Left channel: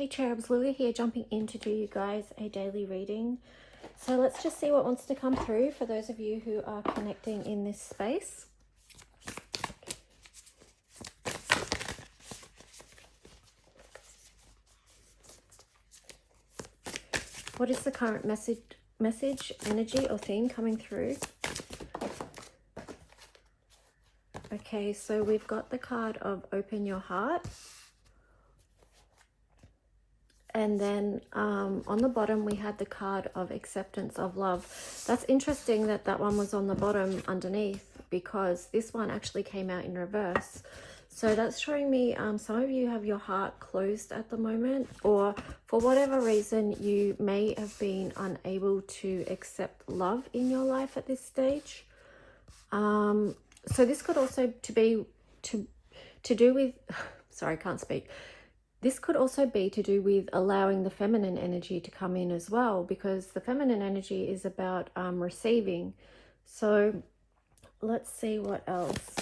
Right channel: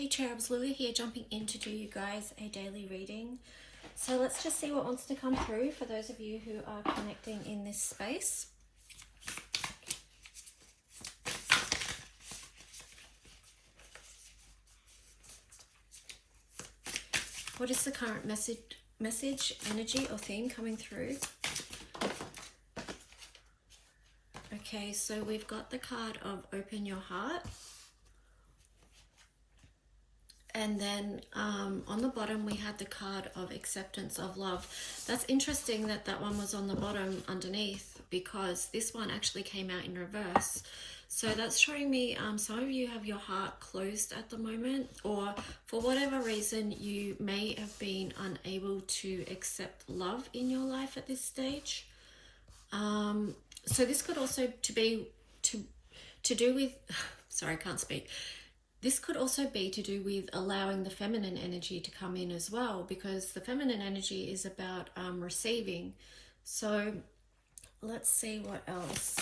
Hey cherubs, Lily here, jumping in to do you guys a daily reading. So let's just see what wants to come through for those of you who are connecting in this space. What is the current message, energy or theme coming through? Okay, so we've got the card of open your heart. And then on the bottom, we had the card of acceptance of love. That's interesting that that one was on the bottom underneath, because this one actually came out in reverse. So that's showing me some of you have your heart closed at the moment, or for whatever reason, you may have been unable to accept love in your life at this stage. So this could also to do with, sorry, I can't speak. This could also be to do with allowing the feminine energy to come in as well, because the feminine energy is about receiving. So let's see what else.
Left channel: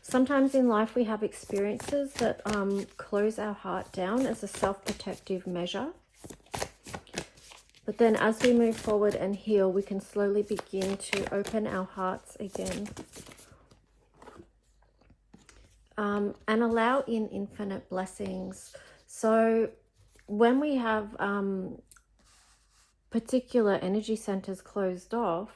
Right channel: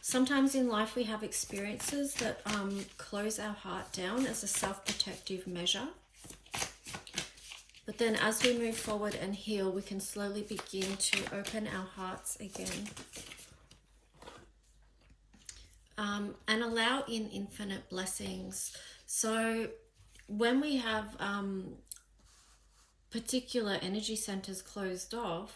Sometimes in life we have experiences that close our heart down as a self-protective measure. But then as we move forward and heal, we can slowly begin to open our hearts again. And allow in infinite blessings. So when we have particular energy centers closed off,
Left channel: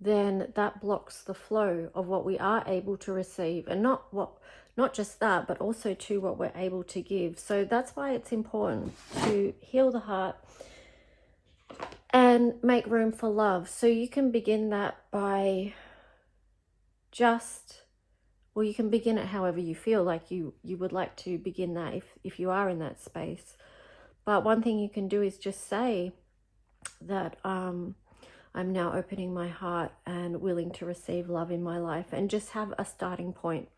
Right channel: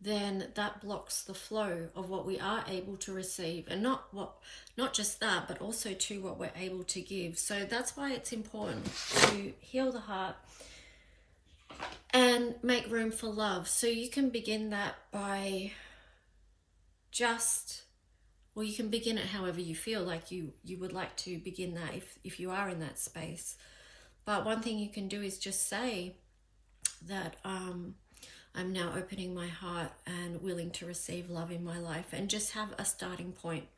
then that blocks the flow of what we are able to receive, and not just that, but also to what we're able to give. So that's why it's important to heal the heart and make room for love. So you can begin that by well, you can begin it however you feel like you would like to begin that if you are in that space. But one thing you can do is just say that I'm now opening my heart and willing to receive love in my life, and just have a starting point.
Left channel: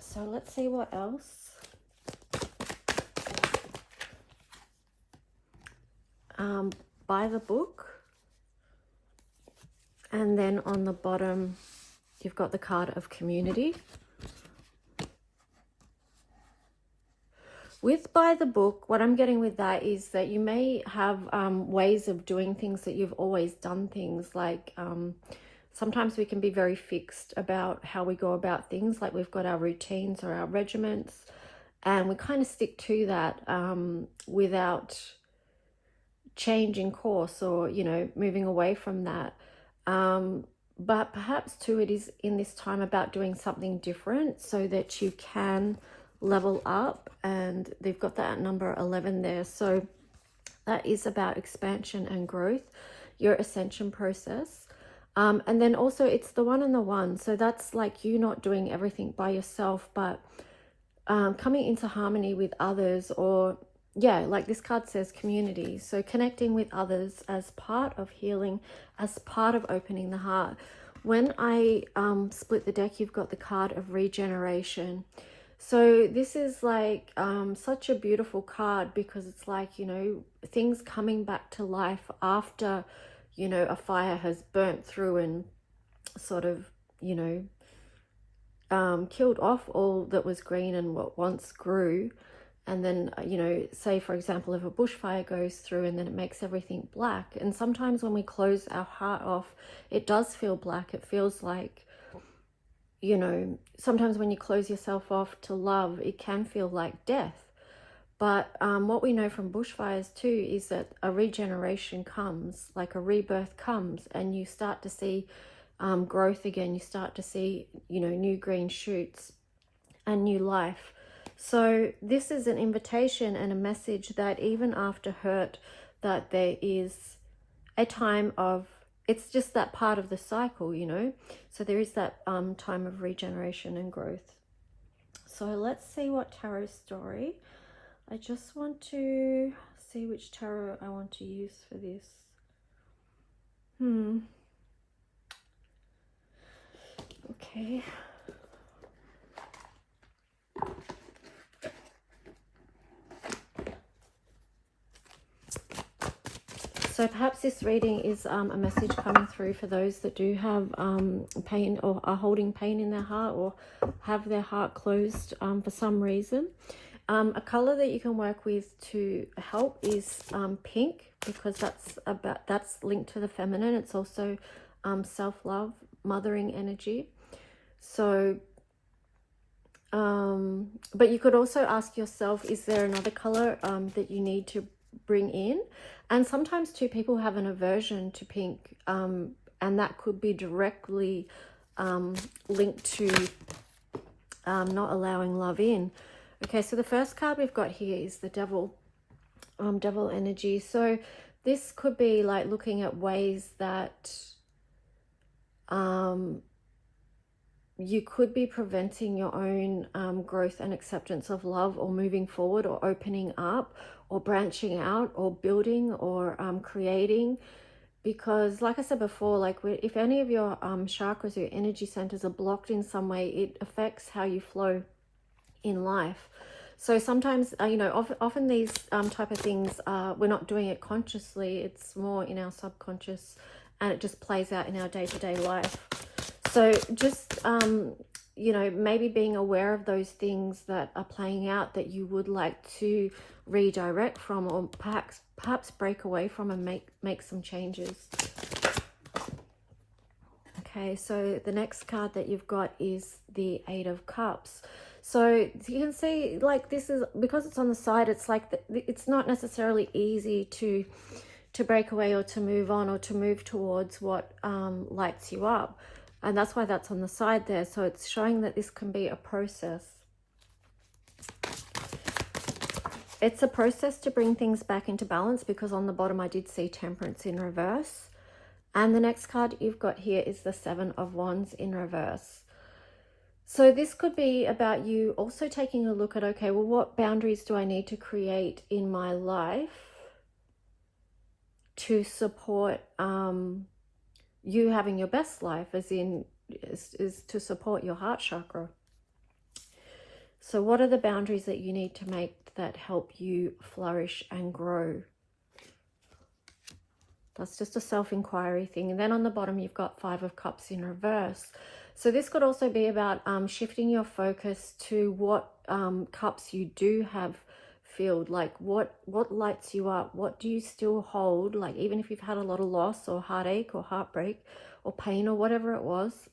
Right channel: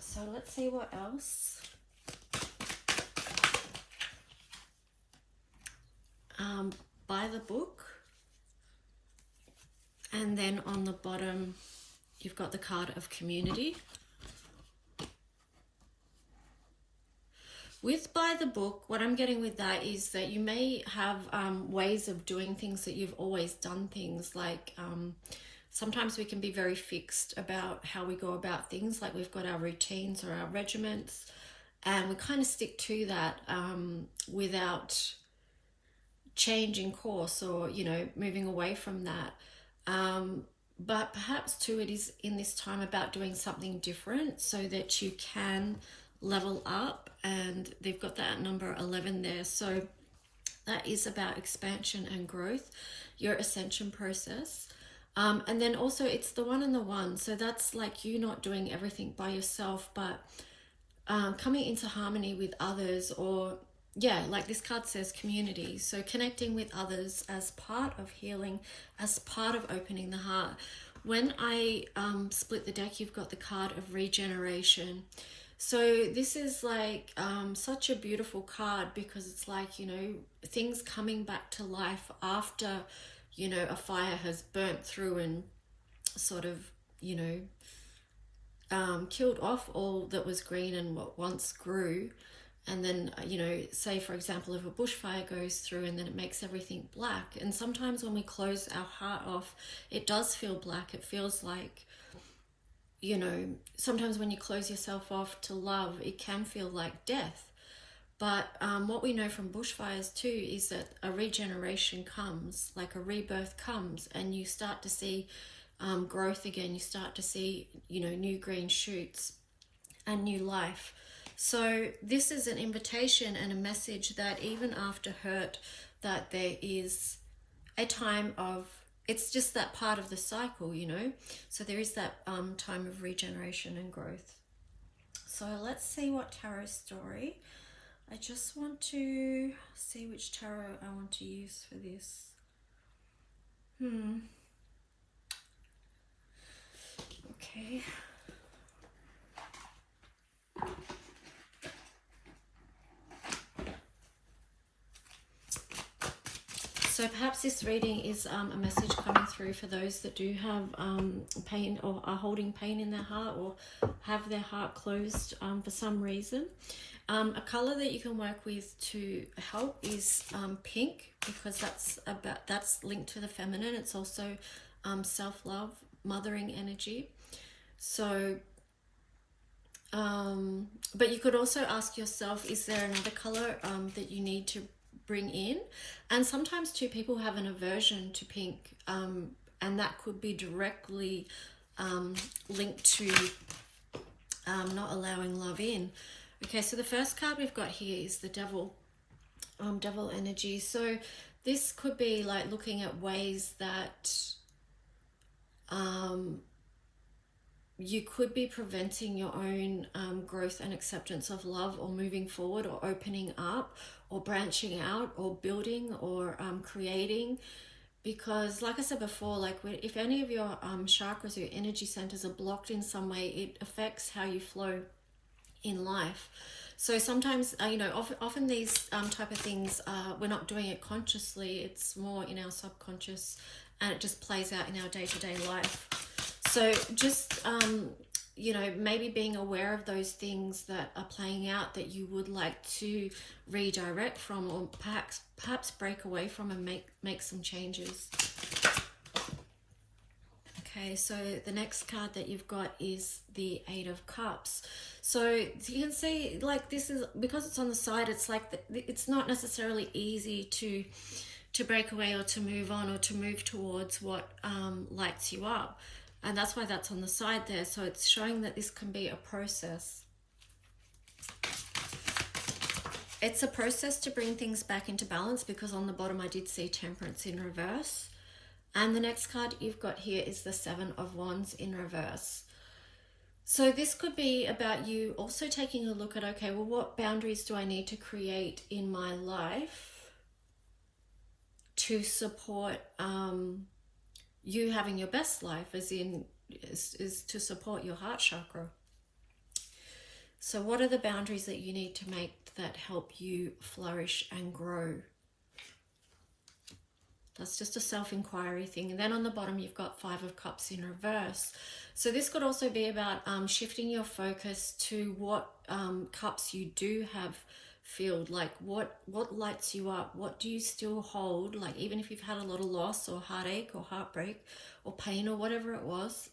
So let's see what else. By the book. And then on the bottom, you've got the card of community. With by the book, what I'm getting with that is that you may have ways of doing things that you've always done things. Like sometimes we can be very fixed about how we go about things. Like we've got our routines or our regiments, and we kind of stick to that without changing course or, you know, moving away from that. But perhaps too, it is in this time about doing something different so that you can level up. And they've got that number 11 there. So that is about expansion and growth, your ascension process. And then also it's the one and the one. So that's like you not doing everything by yourself, but coming into harmony with others, or yeah, like this card says, community. So connecting with others as part of healing, as part of opening the heart. When I split the deck, you've got the card of regeneration. So this is like such a beautiful card, because it's like, you know, things coming back to life after, you know, a fire has burnt through and sort of, you know, killed off all that was green and what once grew. And then, you know, say, for example, if a bushfire goes through and then it makes everything black. And sometimes when we close our heart off, it does feel black. It feels like, you know, sometimes when you close yourself off to love, it can feel like death. But what we know from bushfires too is that a regeneration comes, like a rebirth comes, and you start to see growth again. You start to see, you know, new green shoots and new life. So this is an invitation and a message that even after hurt, that there is a time of, it's just that part of the cycle, you know. So there is that time of regeneration and growth. So let's see what tarot story. I just want to see which tarot I want to use for this. Okay. So perhaps this reading is a message coming through for those that do have pain or are holding pain in their heart or have their heart closed for some reason. A color that you can work with to help is pink, because that's linked to the feminine. It's also self-love, mothering energy. So but you could also ask yourself, is there another color that you need to bring in? And sometimes too, people have an aversion to pink, and that could be directly linked to not allowing love in. Okay, so the first card we've got here is the devil, devil energy. So this could be like looking at ways that you could be preventing your own growth and acceptance of love, or moving forward, or opening up, or branching out, or building, or creating. Because like I said before, like if any of your chakras or your energy centers are blocked in some way, it affects how you flow in life. So sometimes you know, often these type of things, we're not doing it consciously, it's more in our subconscious, and it just plays out in our day-to-day life. So just you know, maybe being aware of those things that are playing out that you would like to redirect from, or perhaps break away from, and make some changes. Okay, so the next card that you've got is the Eight of Cups. So you can see, like, this is, because it's on the side, it's like it's not necessarily easy to break away, or to move on, or to move towards what lights you up. And that's why that's on the side there. So it's showing that this can be a process. It's a process to bring things back into balance, because on the bottom I did see Temperance in reverse. And the next card you've got here is the Seven of Wands in reverse. So this could be about you also taking a look at, okay, well, what boundaries do I need to create in my life to support you having your best life, as in is to support your heart chakra. So what are the boundaries that you need to make that help you flourish and grow? That's just a self-inquiry thing. And then on the bottom, you've got Five of Cups in reverse. So this could also be about shifting your focus to what cups you do have filled. Like what lights you up? What do you still hold? Like, even if you've had a lot of loss, or heartache, or heartbreak, or pain, or whatever it was,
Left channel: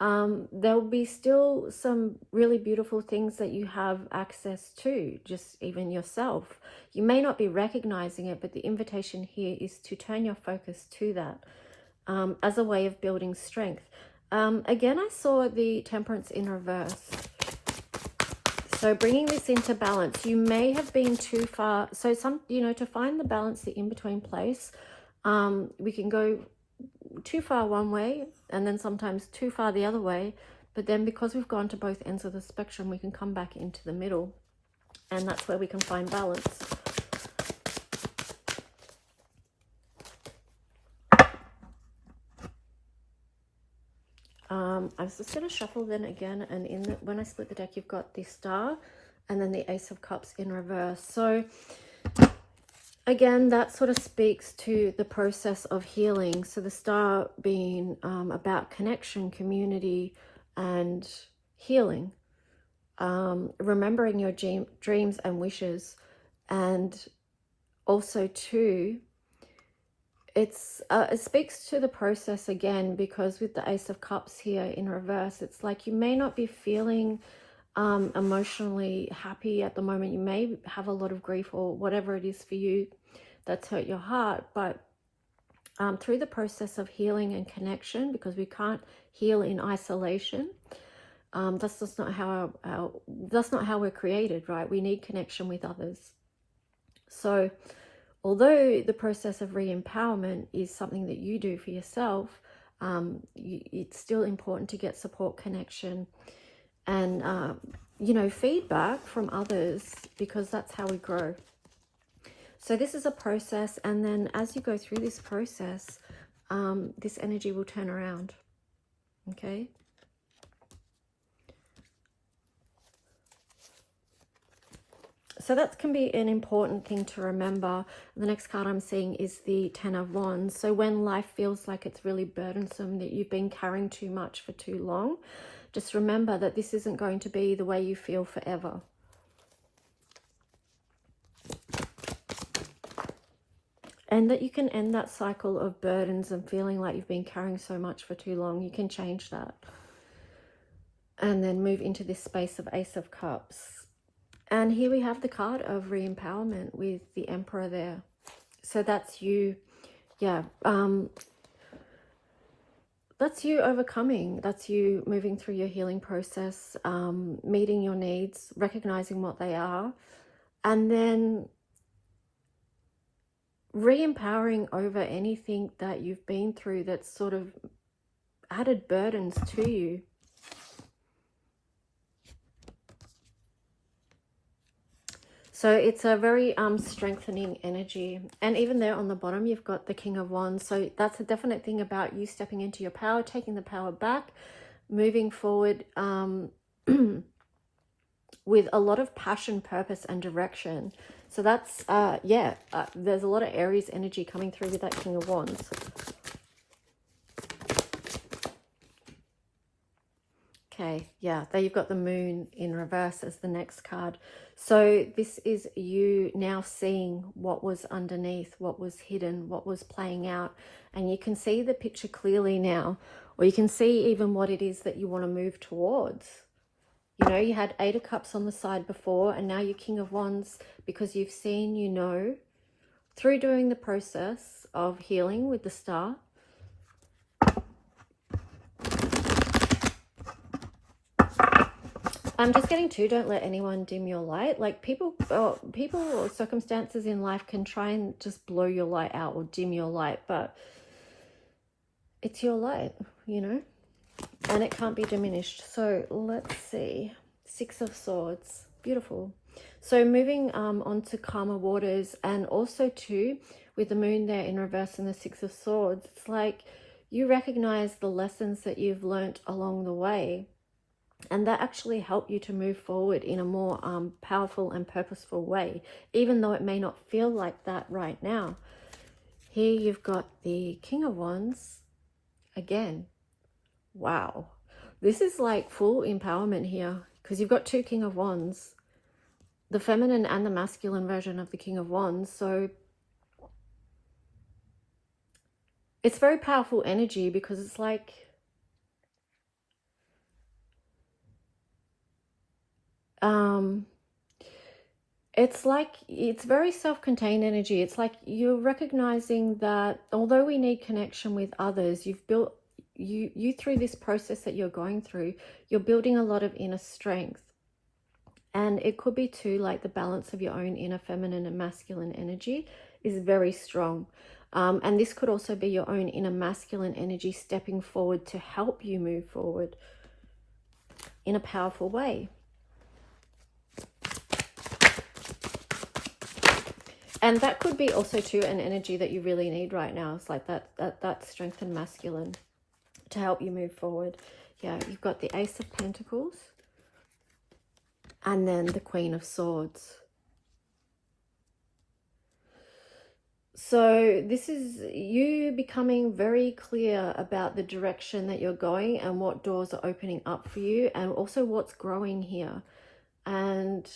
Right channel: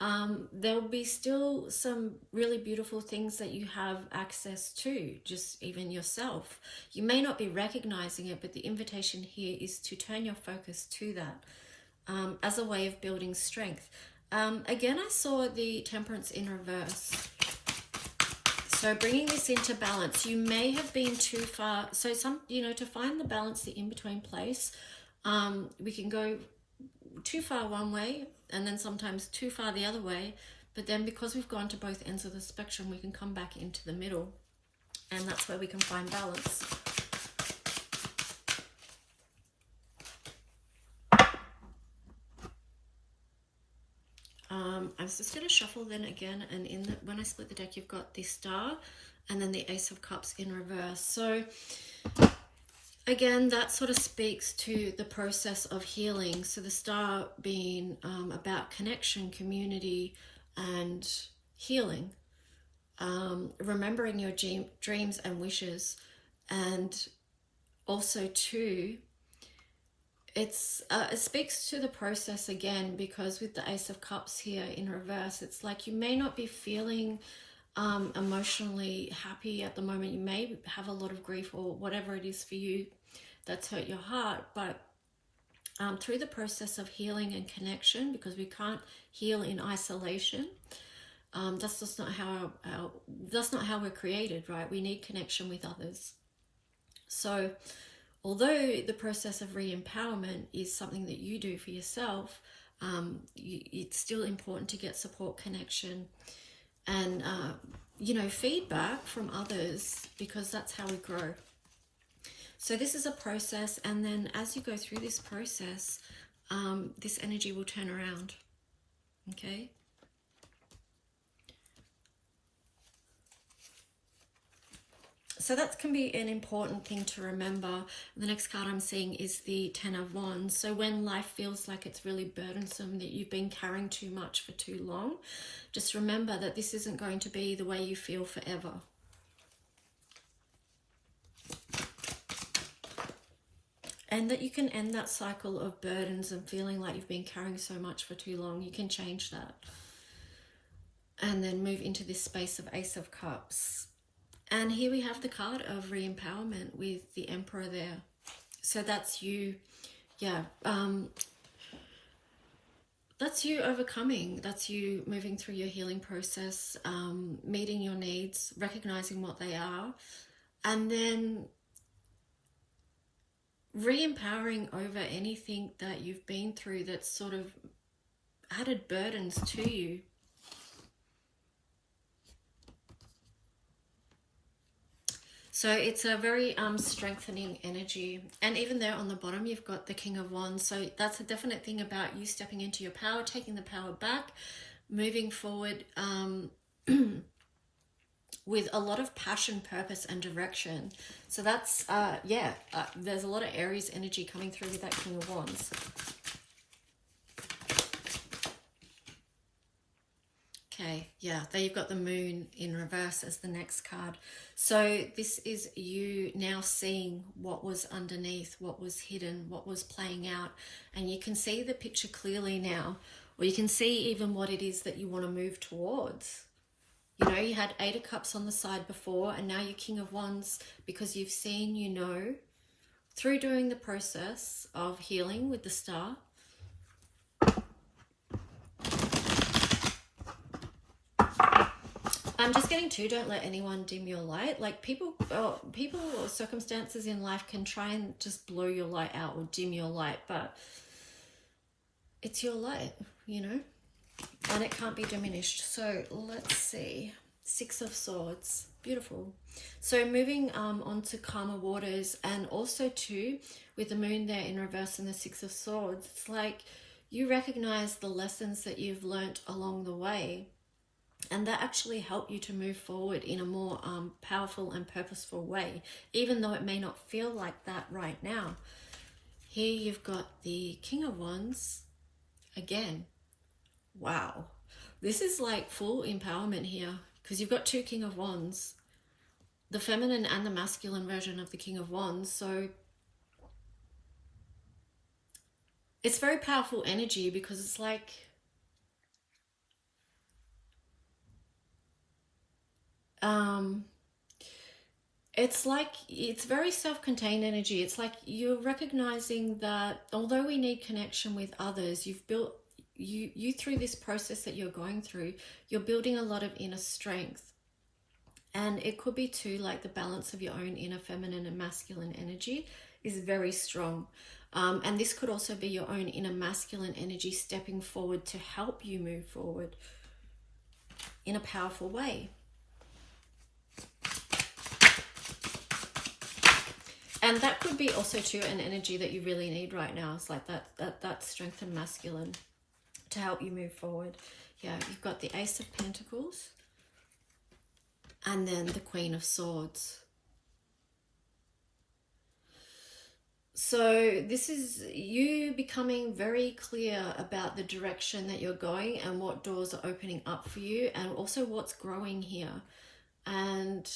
there'll be still some really beautiful things that you have access to, just even yourself. You may not be recognizing it, but the invitation here is to turn your focus to that as a way of building strength. Again, I saw the Temperance in reverse. So bringing this into balance, you may have been too far. So to find the balance, the in-between place, we can go too far one way, and then sometimes too far the other way. But then because we've gone to both ends of the spectrum, we can come back into the middle, and that's where we can find balance. I was just going to shuffle then again, and when I split the deck, you've got the Star and then the Ace of Cups in reverse. So again, that sort of speaks to the process of healing. So the Star being about connection, community, and healing. Remembering your dreams and wishes. And also too, it speaks to the process again, because with the Ace of Cups here in reverse, it's like you may not be feeling emotionally happy at the moment. You may have a lot of grief, or whatever it is for you that's hurt your heart, but through the process of healing and connection, because we can't heal in isolation, that's just not how that's not how we're created, right? We need connection with others. So although the process of re-empowerment is something that you do for yourself, it's still important to get support, connection, and feedback from others, because that's how we grow. So this is a process, and then as you go through this process, this energy will turn around. Okay. So that can be an important thing to remember. The next card I'm seeing is the Ten of Wands. So when life feels like it's really burdensome, that you've been carrying too much for too long, just remember that this isn't going to be the way you feel forever. And that you can end that cycle of burdens and feeling like you've been carrying so much for too long. You can change that. And then move into this space of Ace of Cups. And here we have the card of re-empowerment with the Emperor there. So that's you, yeah. That's you overcoming. That's you moving through your healing process, meeting your needs, recognizing what they are, and then re-empowering over anything that you've been through that's sort of added burdens to you. So it's a very strengthening energy. And even there on the bottom, you've got the King of Wands. So that's a definite thing about you stepping into your power, taking the power back, moving forward with a lot of passion, purpose, and direction. So that's, there's a lot of Aries energy coming through with that King of Wands. Okay, yeah, there you've got the Moon in reverse as the next card. So this is you now seeing what was underneath, what was hidden, what was playing out. And you can see the picture clearly now, or you can see even what it is that you want to move towards. You know, you had Eight of Cups on the side before, and now you're King of Wands because you've seen, you know, through doing the process of healing with the Star. I'm just getting to, don't let anyone dim your light. Like people or circumstances in life can try and just blow your light out or dim your light, but it's your light, you know, and it can't be diminished. So let's see. Six of Swords. Beautiful. So moving on to calmer waters, and also too with the Moon there in reverse and the Six of Swords, it's like you recognize the lessons that you've learnt along the way. And that actually help you to move forward in a more powerful and purposeful way, even though it may not feel like that right now. Here you've got the King of Wands again. Wow. This is like full empowerment here, because you've got two King of Wands, the feminine and the masculine version of the King of Wands. So it's very powerful energy, because it's like, it's very self-contained energy. It's like you're recognizing that although we need connection with others, you've built, you through this process that you're going through, you're building a lot of inner strength. And it could be too, like the balance of your own inner feminine and masculine energy is very strong. And this could also be your own inner masculine energy stepping forward to help you move forward in a powerful way. And that could be also too an energy that you really need right now. It's like that strength and masculine to help you move forward. Yeah, you've got the Ace of Pentacles and then the Queen of Swords. So this is you becoming very clear about the direction that you're going and what doors are opening up for you, and also what's growing here. And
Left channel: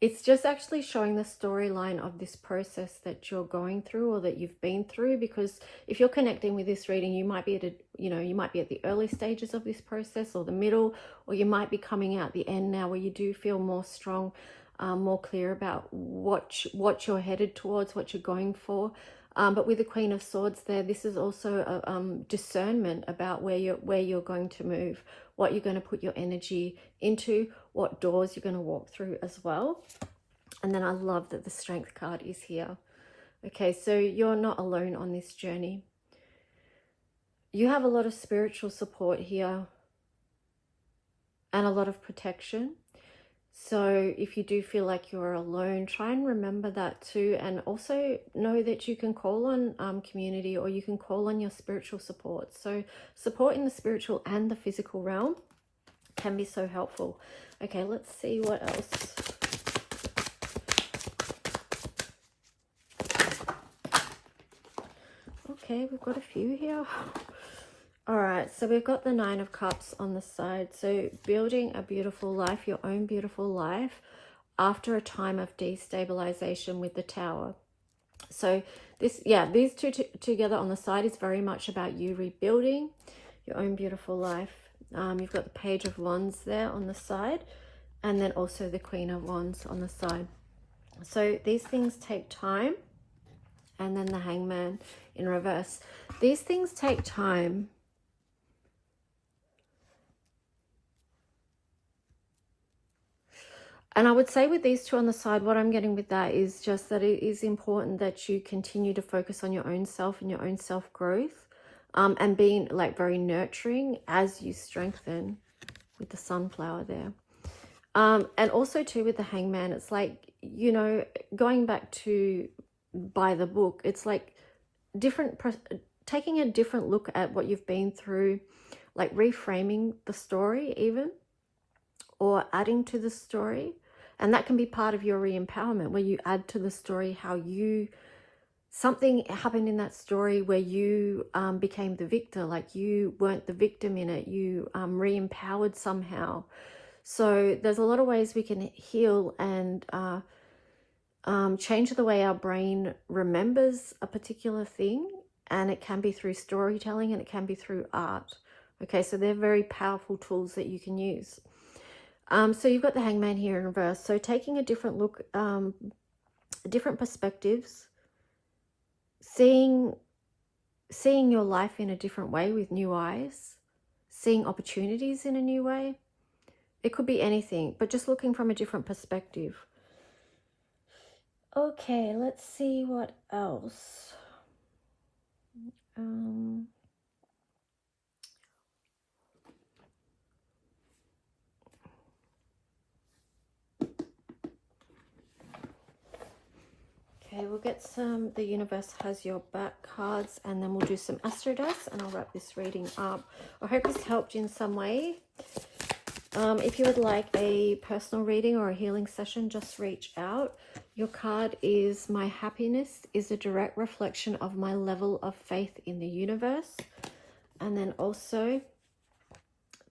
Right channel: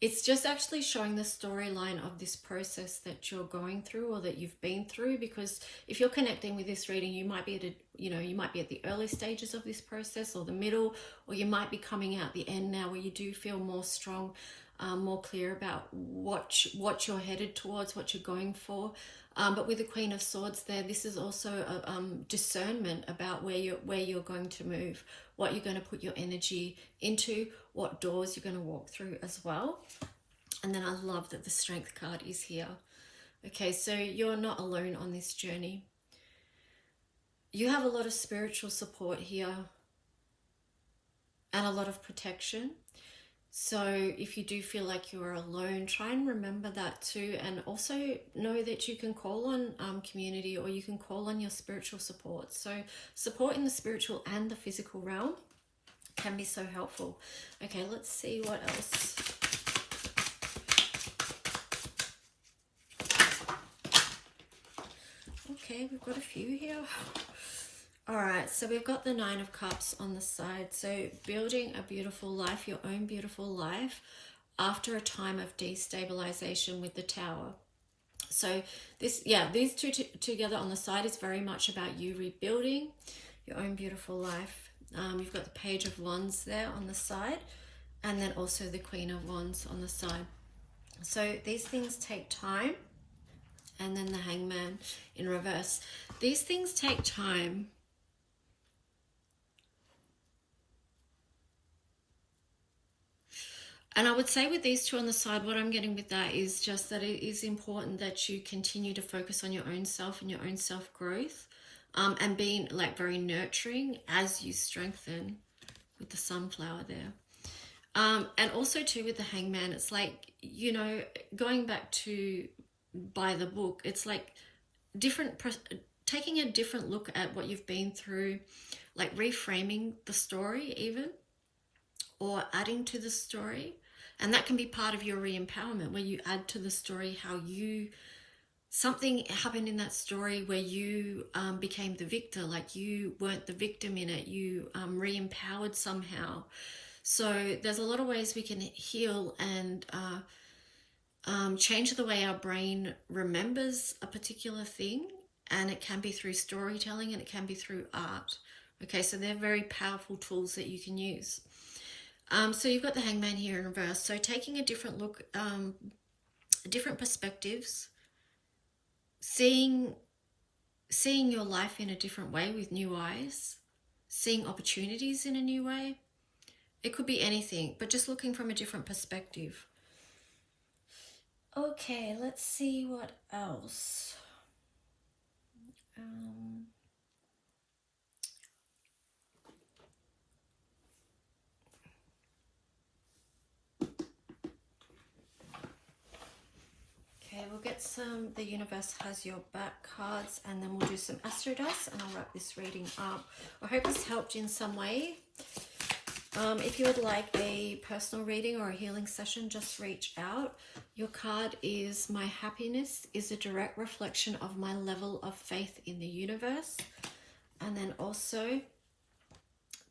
it's just actually showing the storyline of this process that you're going through or that you've been through, because if you're connecting with this reading, you might be at you might be at the early stages of this process or the middle, or you might be coming out the end now where you do feel more strong, more clear about what you're headed towards, what you're going for. But with the Queen of Swords there, this is also a discernment about where you're going to move, what you're going to put your energy into, what doors you're going to walk through as well. And then I love that the Strength card is here. Okay, so you're not alone on this journey. You have a lot of spiritual support here and a lot of protection. So if you do feel like you're alone, try and remember that too. And also know that you can call on community, or you can call on your spiritual support. So support in the spiritual and the physical realm can be so helpful. Okay, let's see what else. Okay, we've got a few here. All right, so we've got the Nine of Cups on the side. So building a beautiful life, your own beautiful life, after a time of destabilization with the Tower. So this, yeah, these two together on the side is very much about you rebuilding your own beautiful life. You've got the Page of Wands there on the side, and then also the Queen of Wands on the side. So these things take time. And then the Hangman in reverse. These things take time. And I would say with these two on the side, what I'm getting with that is just that it is important that you continue to focus on your own self and your own self-growth, and being like very nurturing as you strengthen with the sunflower there. And also too with the Hangman, it's like, you know, going back to by the book, it's like taking a different look at what you've been through, like reframing the story even, or adding to the story. And that can be part of your re-empowerment, where you add to the story how something happened in that story where you became the victor, like you weren't the victim in it, you re-empowered somehow. So there's a lot of ways we can heal and change the way our brain remembers a particular thing, and it can be through storytelling and it can be through art. Okay, so they're very powerful tools that you can use. So you've got the Hangman here in reverse. So taking a different look, different perspectives, seeing your life in a different way with new eyes, seeing opportunities in a new way. It could be anything, but just looking from a different perspective. Okay, let's see what else. Okay, we'll get some The Universe Has Your Back cards, and then we'll do some Astro Dice, and I'll wrap this reading up. I hope this helped in some way. If you would like a personal reading or a healing session, just reach out. Your card is My happiness is a direct reflection of my level of faith in the universe. And then also,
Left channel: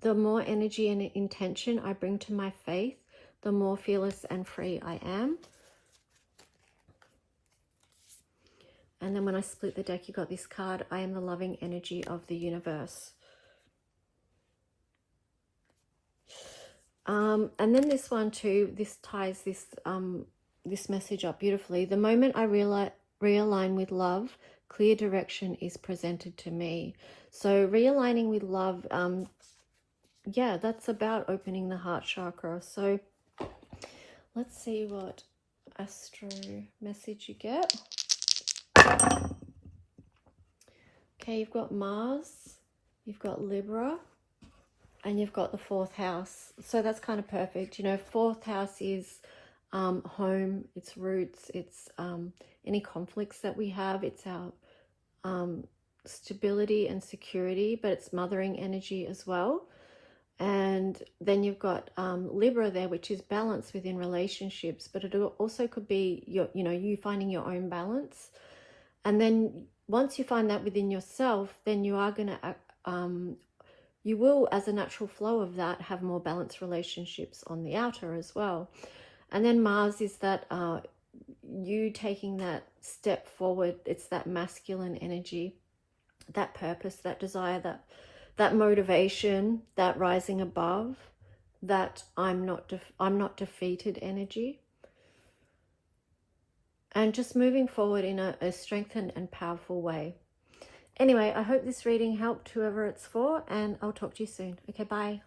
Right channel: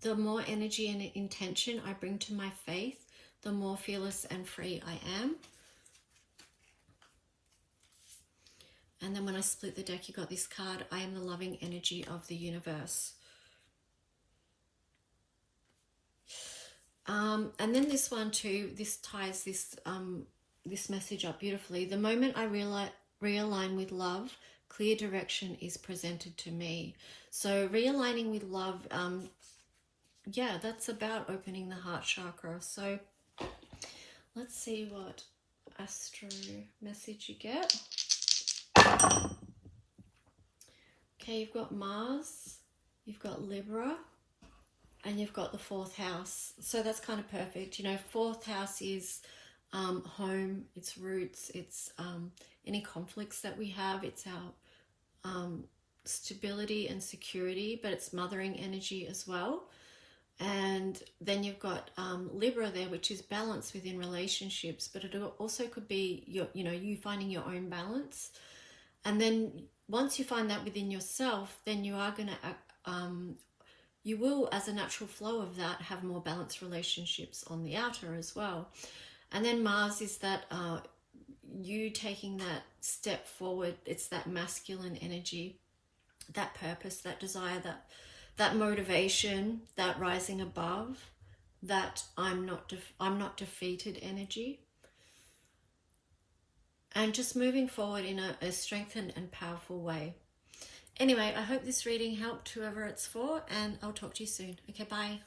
the more energy and intention I bring to my faith, the more fearless and free I am. And then when I split the deck, you got this card, I am the loving energy of the universe. And then this one too, this ties this message up beautifully. The moment I realign with love, clear direction is presented to me. So realigning with love, yeah, that's about opening the heart chakra. So let's see what astro message you get. Okay, you've got Mars, you've got Libra, and you've got the 4th house. So that's kind of perfect. You know, 4th house is home, it's roots, it's any conflicts that we have, it's our stability and security, but it's mothering energy as well. And then you've got Libra there, which is balance within relationships, but it also could be you finding your own balance. And then once you find that within yourself, then you are going to you will, as a natural flow of that, have more balanced relationships on the outer as well. And then Mars is that you taking that step forward. It's that masculine energy, that purpose, that desire, that motivation, that rising above, that I'm not defeated energy. And just moving forward in a strengthened and powerful way. Anyway, I hope this reading helped whoever it's for, and I'll talk to you soon. Okay, bye.